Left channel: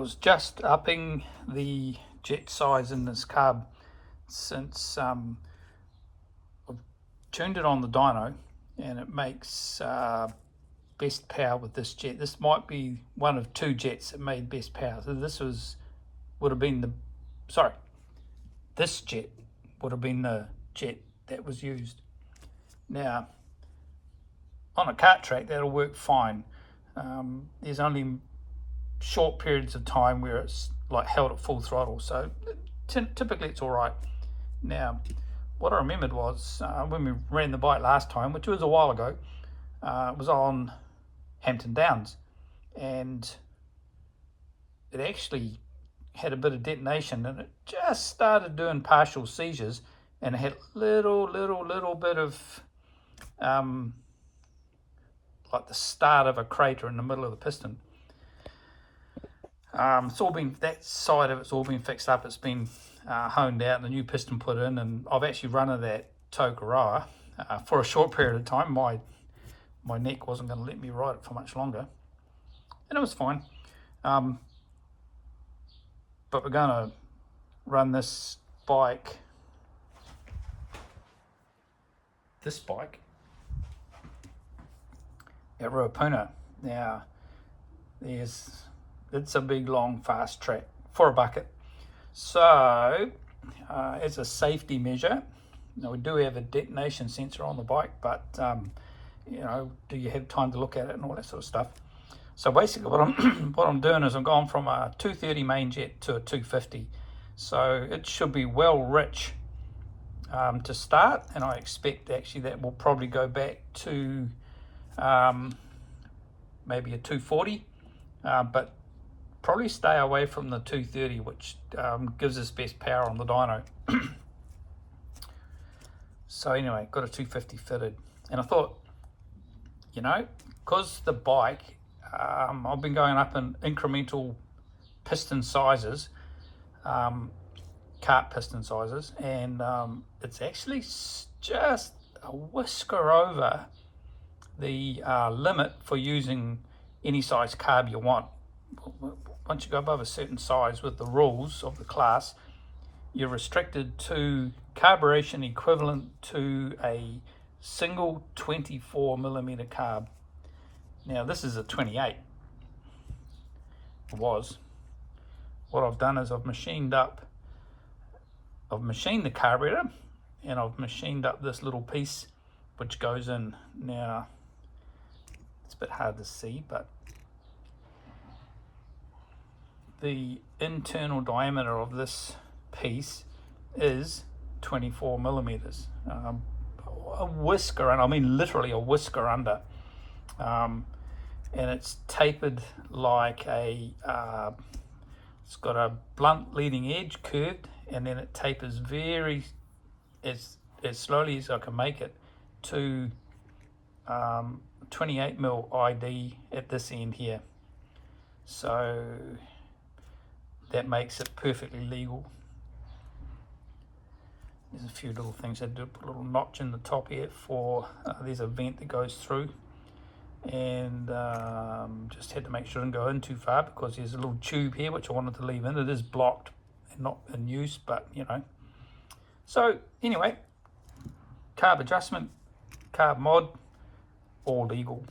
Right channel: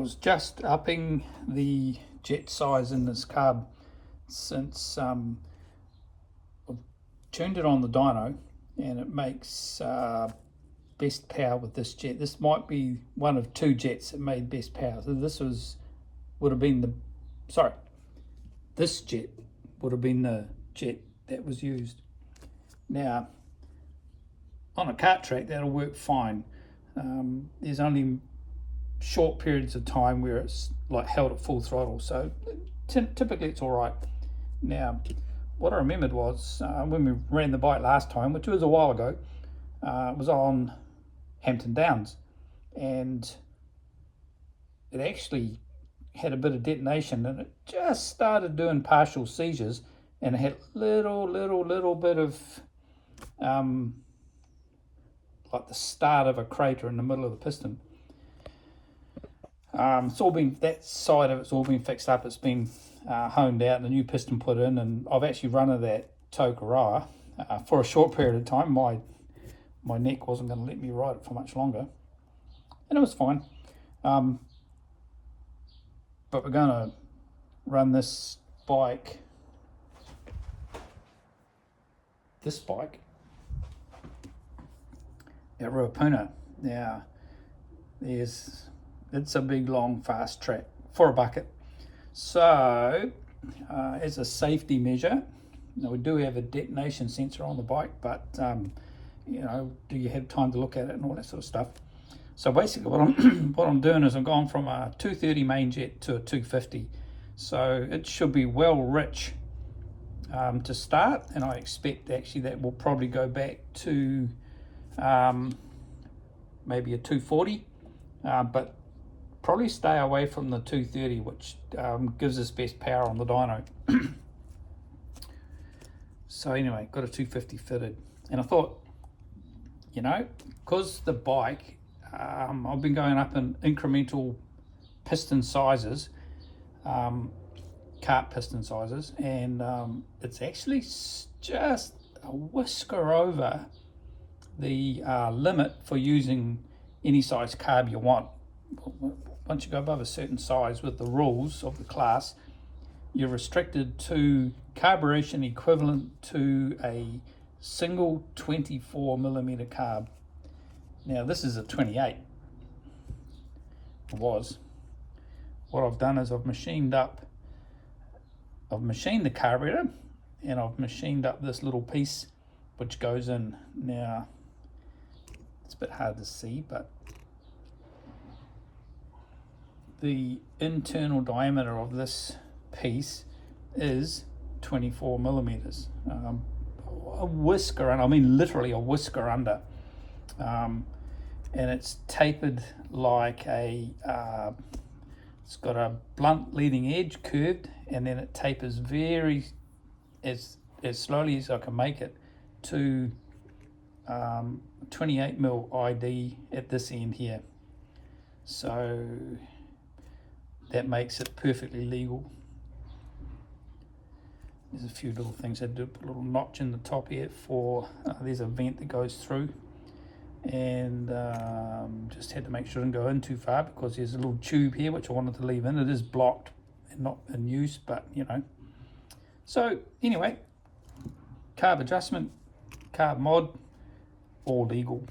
was just upping the jet size in this carb since I've tuned it on the dyno, and it makes best power with this jet. This might be one of two jets that made best power. So this would have been this jet would have been the jet that was used. Now, on a kart track, that'll work fine. There's only short periods of time where it's like held at full throttle, so typically it's all right. Now, what I remembered was when we ran the bike last time, which was a while ago, it was on Hampton Downs, and it actually had a bit of detonation, and it just started doing partial seizures, and it had little bit of like the start of a crater in the middle of the piston. It's all been, that side of it's all been fixed up. It's been honed out and a new piston put in, and I've actually run that Tokoroa for a short period of time. My neck wasn't going to let me ride it for much longer, and it was fine. But we're going to run this bike at Ruapuna. Now, it's a big, long, fast track for a bucket. So, as a safety measure, we do have a detonation sensor on the bike, but do you have time to look at it and all that sort of stuff? So basically, what I'm doing is I'm going from a 230 main jet to a 250. So it should be well rich to start, and I expect actually that will probably go back to maybe a 240, but probably stay away from the 230, which gives us best power on the dyno. So anyway, got a 250 fitted, and I thought, because the bike, I've been going up in incremental piston sizes, kart piston sizes, and it's actually just a whisker over the limit for using any size carb you want. Once you go above a certain size with the rules of the class, you're restricted to carburation equivalent to a single 24mm carb. Now this is a 28. It was. What I've done is I've machined the carburetor, and I've machined up this little piece which goes in. Now it's a bit hard to see, but the internal diameter of this piece is 24mm. A whisker, and I mean literally a whisker under. And it's tapered like a, it's got a blunt leading edge curved, and then it tapers very, as slowly as I can make it, to 28mm ID at this end here. So that makes it perfectly legal. There's a few little things I do, put a little notch in the top here for, there's a vent that goes through, and just had to make sure it didn't go in too far, because there's a little tube here which I wanted to leave in. It is blocked and not in use, but So anyway, carb adjustment, carb mod, all legal.